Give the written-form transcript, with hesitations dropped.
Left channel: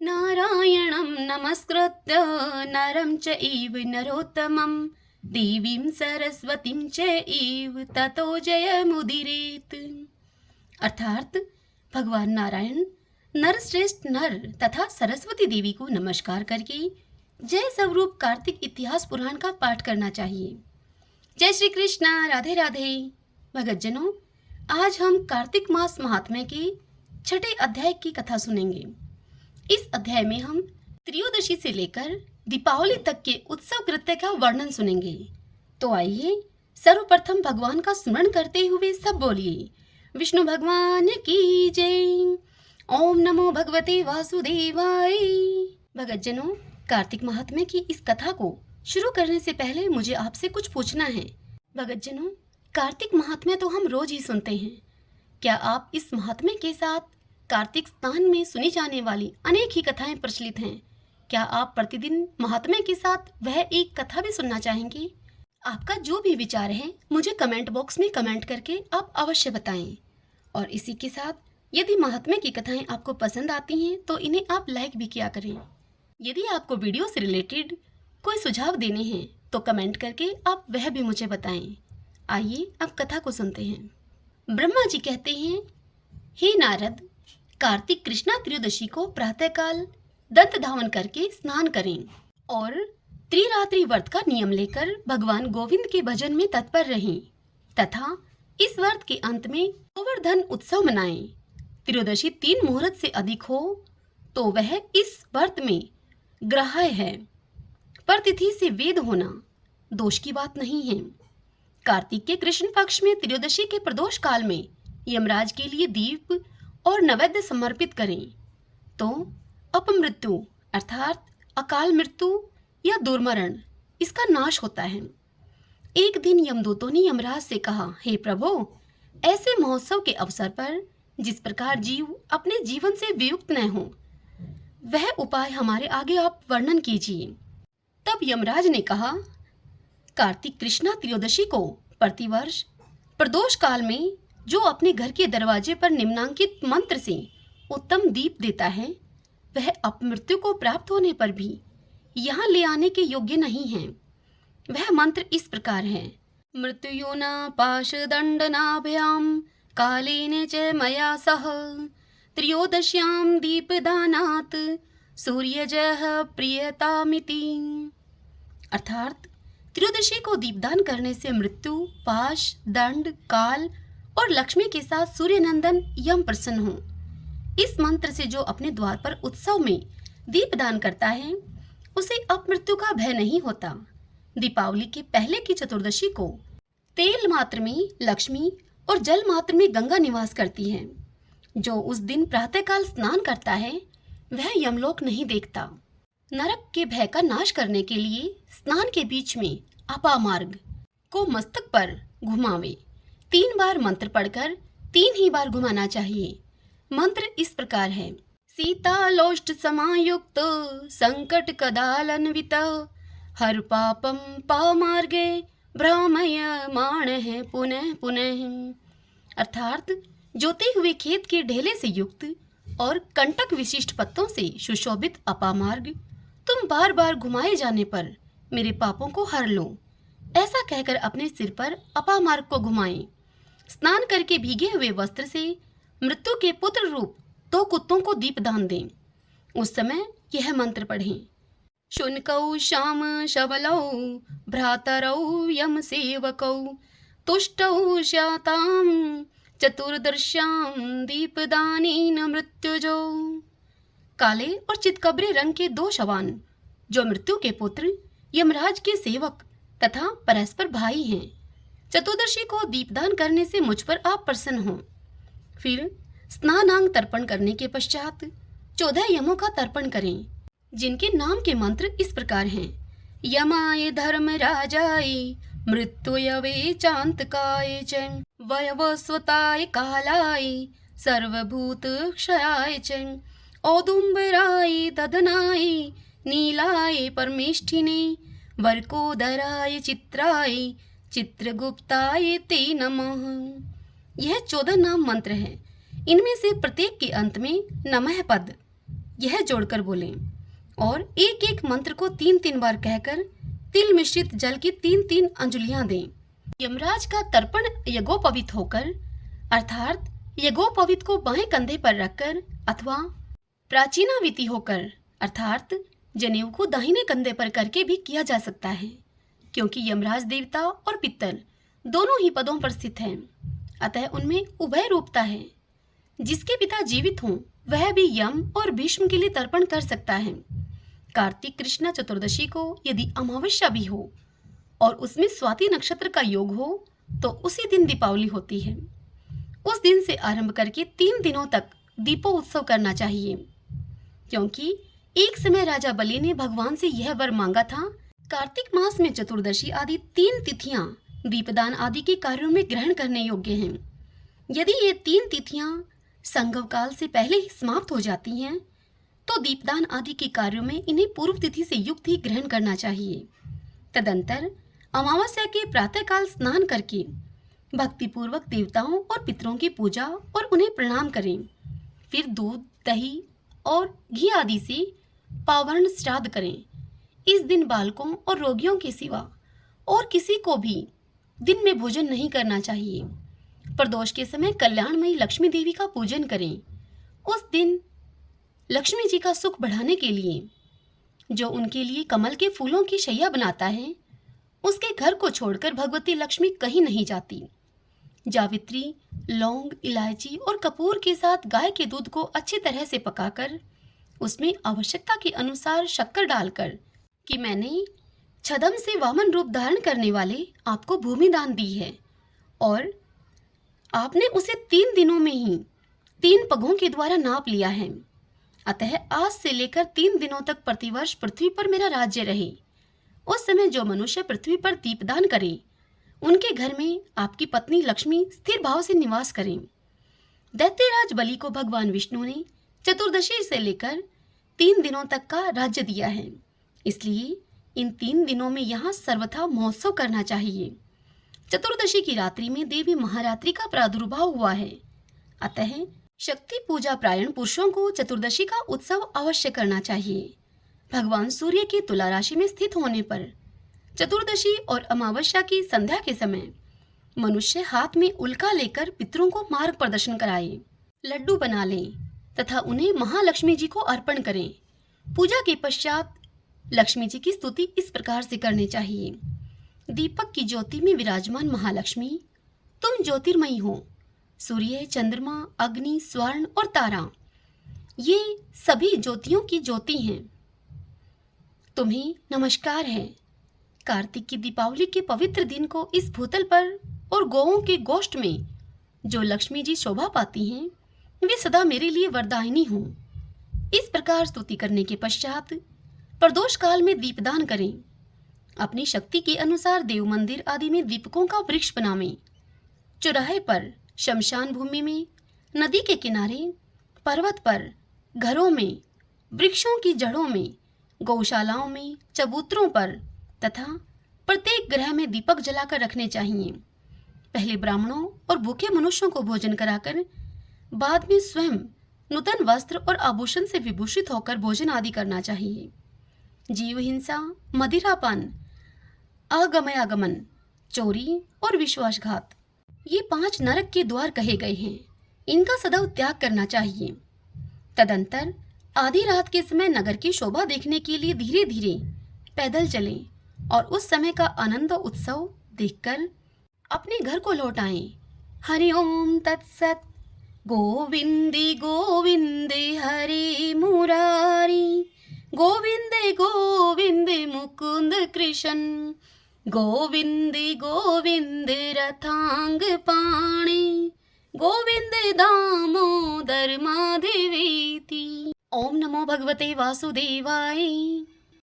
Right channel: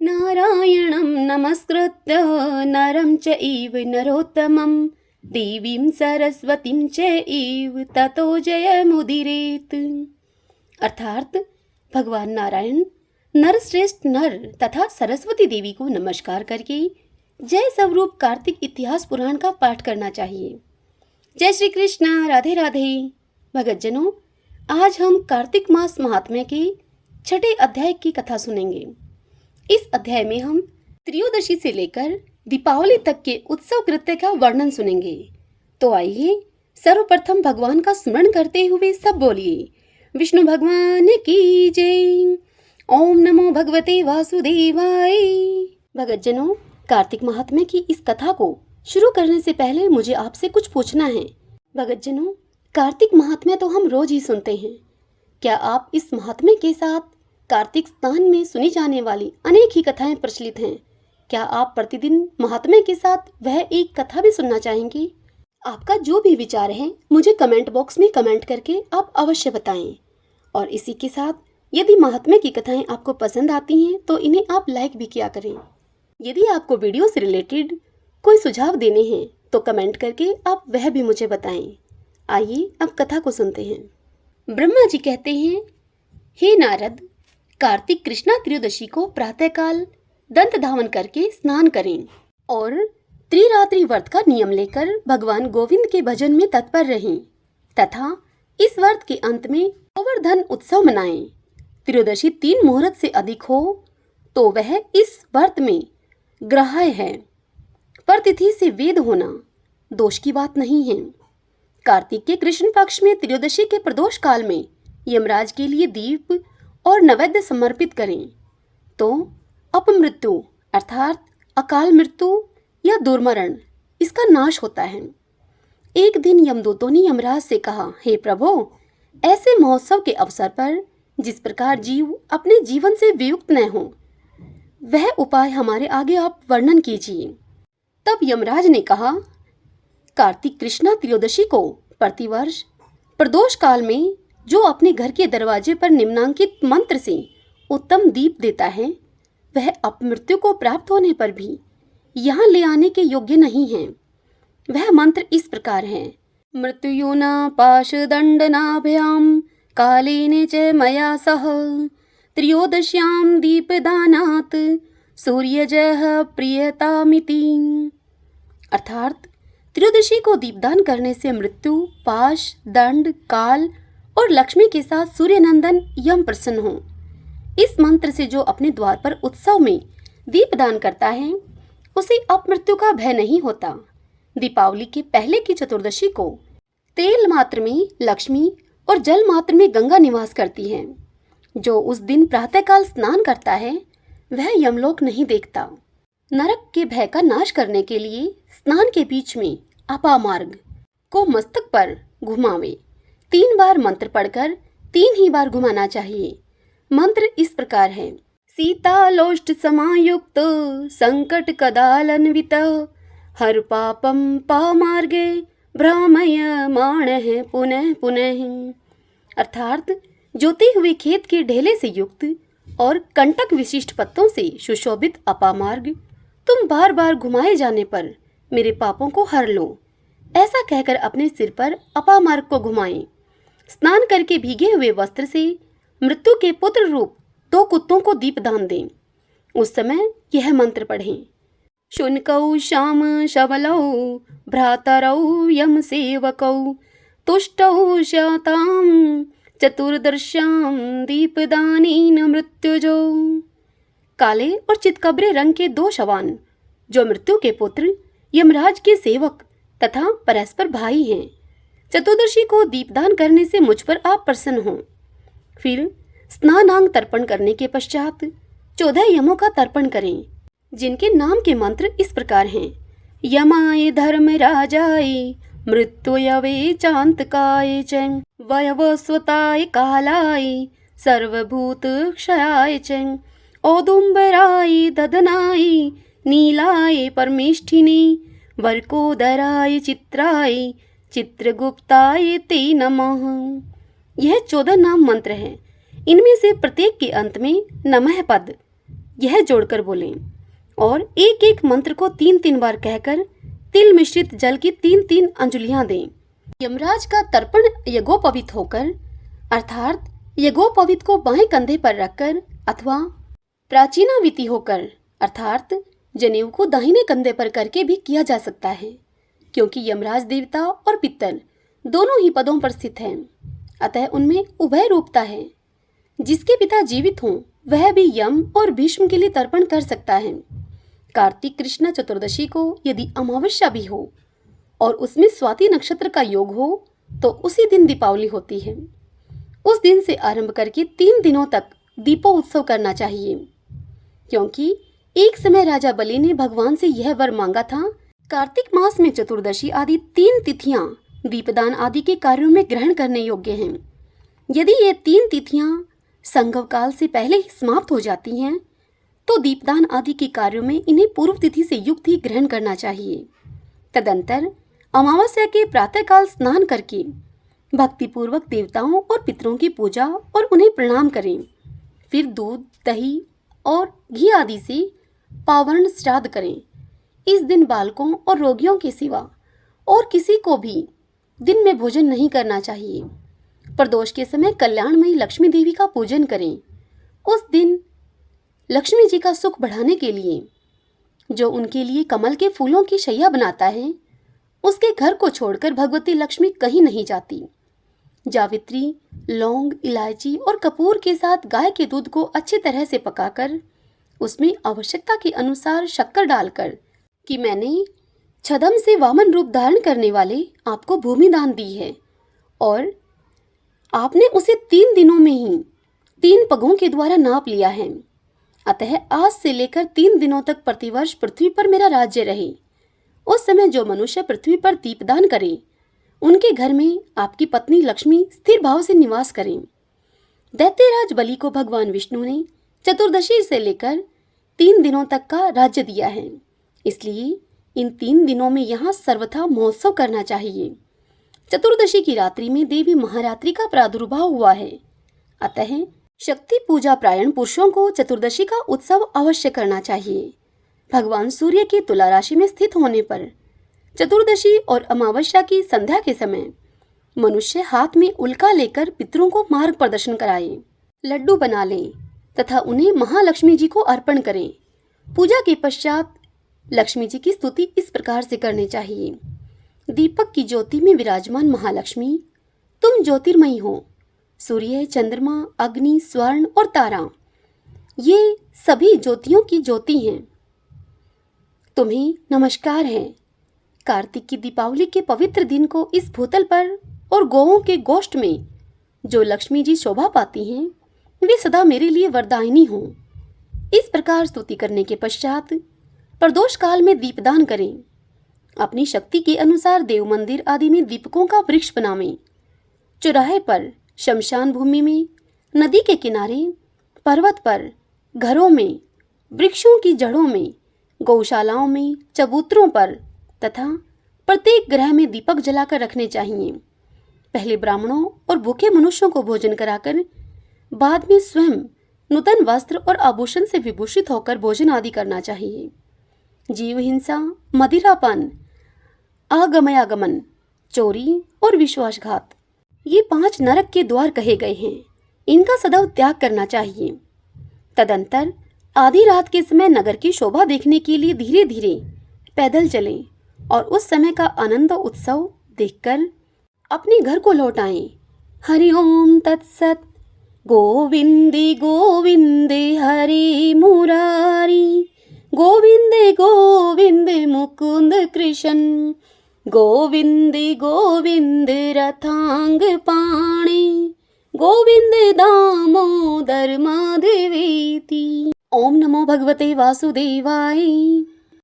नारायणं नमस्कृत्य नरं चैव नरोत्तमं देवीं सरस्वतीं चैव ततो जयमुदीरयेत्। अर्थात भगवान नारायण नरश्रेष्ठ नर तथा सरस्वती देवी को नमस्कार करके जय स्वरूप कार्तिक इतिहास पुराण का पाठ करना चाहिए। जय श्री कृष्णा, राधे राधे। भगतजनों, आज हम कार्तिक मास महात्म्य के छठे अध्याय की कथा सुनेंगे। इस अध्याय में हम त्रयोदशी से लेकर दीपावली तक के उत्सव कृत्य का वर्णन सुनेंगे। तो आइए सर्वप्रथम भगवान का स्मरण करते हुए सब बोलिए, विष्णु भगवान की जय। ओम नमो भगवते वासुदेवाय। भगतजनों, कार्तिक महात्म्य की इस कथा को शुरू करने से पहले मुझे आपसे कुछ पूछना है। भगतजनों, कार्तिक महात्म्य तो हम रोज ही सुनते हैं। क्या आप इस महात्म्य के साथ कार्तिक स्नान में सुनी जाने वाली अनेक ही कथाएं प्रचलित हैं? क्या आप प्रतिदिन महात्म्य के साथ वह एक कथा भी सुनना चाहेंगे? आपका जो भी विचार है मुझे कमेंट बॉक्स में कमेंट करके आप अवश्य बताएं। और इसी के साथ यदि महात्म्य की कथाएं आपको पसंद आती हैं तो इन्हें आप लाइक भी किया करें। यदि आपको वीडियो से रिलेटेड कोई सुझाव देने हैं तो कमेंट करके आप वह भी मुझे बताएं। आइए अब कथा को सुनते हैं। ब्रह्मा जी कहते हैं, हे नारद, कार्तिक कृष्णा त्रयोदशी को प्रातःकाल दंत धावन करके स्नान करें और त्रिरात्रि व्रत का नियम लेकर भगवान गोविंद के भजन में तत्पर रहें तथा इस व्रत के अंत में गोवर्धन उत्सव मनाएं। त्रयोदशी 3 मुहूर्त से अधिक हो तो वह इस व्रत में ग्राह्य है, पर तिथि से वेद होना दोष की बात नहीं है। कार्तिक के कृष्ण पक्ष में त्रयोदशी के प्रदोष काल में यमराज के लिए दीप और नैवेद्य समर्पित करें तो अपमृत्यु अर्थात अकाल मृत्यु या दुर्मरण इसका नाश होता है। एक दिन यमदूतों ने यमराज से कहा, हे प्रभु, ऐसे महोत्सव के अवसर पर जिस प्रकार जीव अपने जीवन से वियुक्त न हो वह उपाय हमारे आगे आप वर्णन कीजिए। तब यमराज ने कहा, कार्तिक कृष्णा त्रयोदशी को प्रतिवर्ष प्रदोष काल में जो अपने घर के दरवाजे पर निम्नांकित मंत्र से उत्तम दीप देता है वह अपमृत्यु को प्राप्त होने पर भी यहाँ ले आने के योग्य नहीं है। वह मंत्र इस प्रकार है, मृत्युना पाशदंडनाभ्याम कालेन च मया सह त्रयोदश्याम दीपदानात् सूर्यजः प्रियतामिति। अर्थात त्रयोदशी को दीपदान करने से मृत्यु, पाश, दंड, काल और लक्ष्मी के साथ सूर्यनंदन यम प्रसन्न हो। इस मंत्र से जो अपने द्वार पर उत्सव में दीपदान करता है उसे अपमृत्यु का भय नहीं होता। दीपावली के पहले की चतुर्दशी को तेल मात्र में लक्ष्मी और जल मात्र में गंगा निवास करती है। जो उस दिन प्रातःकाल स्नान करता है वह यमलोक नहीं देखता। नरक के भय का नाश करने के लिए स्नान के बीच में अपामार्ग को मस्तक पर घुमावे। 3 बार मंत्र पढ़कर 3 ही बार घुमाना चाहिए। मंत्र इस प्रकार है, सीतालोष्ट समायुक्त संकट कदालन्वित हर पापम पामार्गे भ्रामयमाणः पुनः पुनः। अर्थात जोते हुए खेत के ढेले से युक्त और कंटक विशिष्ट पत्तों से सुशोभित अपामार्ग तुम बार बार घुमाए जाने पर मेरे पापों को हर लो। ऐसा कहकर अपने सिर पर अपामार्ग को घुमाएं। स्नान करके भीगे हुए वस्त्र से मृत्यु के पुत्र रूप 2 कुत्तों को दीपदान दें। उस समय यह मंत्र पढ़ें, शुनकौ श्याम शबलौ भ्रातरौ यम सेवकौ तुष्टौ शतां चतुर्दश्यां दीपदानेन मृत्युजो। काले और चितकबरे रंग के 2 शवान जो मृत्यु के पुत्र, यमराज के सेवक तथा परस्पर भाई हैं। चतुर्दशी को दीपदान करने से मुझ पर आप प्रसन्न हों। फिर स्नानांग तर्पण करने के पश्चात 14 यमों का तर्पण करें, जिनके नाम के मंत्र इस प्रकार हैं, यमाय धर्मराजाय मृत्युयवे चांतकाय च वयवस्वताय कालाय सर्वभूत क्षयाय च औदुम्बराय ददनाय नीलाय परमेष्ठिने वर्कोदराय चित्राय चित्रगुप्ताय ते नमः। यह 14 नाम मंत्र है। इनमें से प्रत्येक के अंत में नमः पद यह जोड़कर बोलें और एक एक मंत्र को 3-3 बार कहकर तिल मिश्रित जल की 3-3 अंजुलियां दें। यमराज का तर्पण यज्ञोपवीत होकर अर्थात यज्ञोपवीत को बाएं कंधे पर रखकर अथवा प्राचीनाविति होकर अर्थात जनेऊ को दाहिने कंधे पर करके भी किया जा सकता है, क्योंकि यमराज देवता और पितर दोनों ही पदों पर स्थित हैं, अतः उनमें उभय रूपता है। जिसके पिता जीवित हों वह भी यम और भीष्म के लिए तर्पण कर सकता है। कार्तिक कृष्ण चतुर्दशी को यदि अमावस्या भी हो और उसमें स्वाति नक्षत्र का योग हो तो उसी दिन दीपावली होती है। उस दिन से आरंभ करके 3 दिनों तक दीपोत्सव करना चाहिए, क्योंकि एक समय राजा बलि ने भगवान से यह वर मांगा था। कार्तिक मास में चतुर्दशी आदि 3 तिथियां दीपदान आदि के कार्यों में ग्रहण करने योग्य हैं। यदि ये 3 तिथियां संगव काल से पहले ही समाप्त हो जाती हैं तो दीपदान आदि के कार्यों में इन्हें पूर्व तिथि से युक्त ही ग्रहण करना चाहिए। तदंतर अमावस्या के प्रातःकाल स्नान करके भक्तिपूर्वक देवताओं और पितरों की पूजा और उन्हें प्रणाम करें। फिर दूध, दही और घी आदि से पावर्ण श्राद्ध करें। इस दिन बालकों और रोगियों के सिवा और किसी को भी दिन में भोजन नहीं करना चाहिए। प्रदोष के समय कल्याणमयी लक्ष्मी देवी का पूजन करें। उस दिन लक्ष्मी जी का सुख बढ़ाने के लिए जो उनके लिए कमल के फूलों की शैया बनाता है, उसके घर को छोड़कर भगवती लक्ष्मी कहीं नहीं जाती। जावित्री, लौंग, इलायची और कपूर के साथ गाय के दूध को अच्छी तरह से पकाकर उसमें आवश्यकता के अनुसार शक्कर डालकर कि मैंने छदम से वामन रूप धारण करने वाले आपको भूमि दान दी है और आपने उसे 3 दिनों में ही 3 पगों के द्वारा नाप लिया है, अतः आज से लेकर 3 दिनों तक प्रतिवर्ष पृथ्वी पर मेरा राज्य रहे। उस समय जो मनुष्य पृथ्वी पर दीपदान करें उनके घर में आपकी पत्नी लक्ष्मी स्थिर भाव से निवास करें। दैत्यराज बलि को भगवान विष्णु ने चतुर्दशी से लेकर 3 दिनों तक का राज्य दिया है, इसलिए इन 3 दिनों में यहाँ सर्वथा महोत्सव करना चाहिए। चतुर्दशी की रात्रि में देवी महारात्रि का प्रादुर्भाव हुआ है, अतः शक्ति पूजा प्रायण पुरुषों को चतुर्दशी का उत्सव अवश्य करना चाहिए। भगवान सूर्य के तुला राशि में स्थित होने पर चतुर्दशी और अमावस्या की संध्या के समय मनुष्य हाथ में उल्का लेकर पितरों को मार्ग प्रदर्शन कराए, लड्डू बना लें तथा उन्हें महालक्ष्मी जी को अर्पण करें। पूजा के पश्चात लक्ष्मी जी की स्तुति इस प्रकार से करनी चाहिए। दीपक की ज्योति में विराजमान महालक्ष्मी, तुम ज्योतिर्मयी हो। सूर्य, चंद्रमा, अग्नि, स्वर्ण और तारा ये सभी ज्योतियों की ज्योति हैं। तुम्हें नमस्कार है। कार्तिक की दीपावली के पवित्र दिन को इस भूतल पर और गौओं के गोष्ठ में जो लक्ष्मी जी शोभा पाती हैं वे सदा मेरे लिए वरदायिनी हों। इस प्रकार स्तुति करने के पश्चात प्रदोष काल में दीपदान करें। अपनी शक्ति के अनुसार देव मंदिर आदि में दीपकों का वृक्ष बनावें। चौराहे पर, शमशान भूमि में, नदी के किनारे, पर्वत पर, घरों में, वृक्षों की जड़ों में, गौशालाओं में, चबूतरों पर तथा प्रत्येक ग्रह में दीपक जलाकर रखने चाहिए। पहले ब्राह्मणों और भूखे मनुष्यों को भोजन कराकर बाद में स्वयं नूतन वस्त्र और आभूषण से विभूषित होकर भोजन आदि करना चाहिए। जीव हिंसा, मदिरापान, आगमयागमन, चोरी और विश्वासघात ये 5 नरक के द्वार कहे गए हैं। इनका सदैव त्याग करना चाहिए। तदंतर आधी रात के समय नगर की शोभा देखने के लिए धीरे धीरे पैदल चलें और उस समय का आनंद उत्सव देखकर अपने घर को लौट आएं। हरि ओम तत्सत। गोविंदे गोविंदे हरे मुरारी, गोविंदे गोविंदे मुकुंद कृष्ण, गोविंदे गोविंदे रथांग पाणे, गोविंदे दामोदर माधवेति। ओम नमो भगवते वासुदेवाय।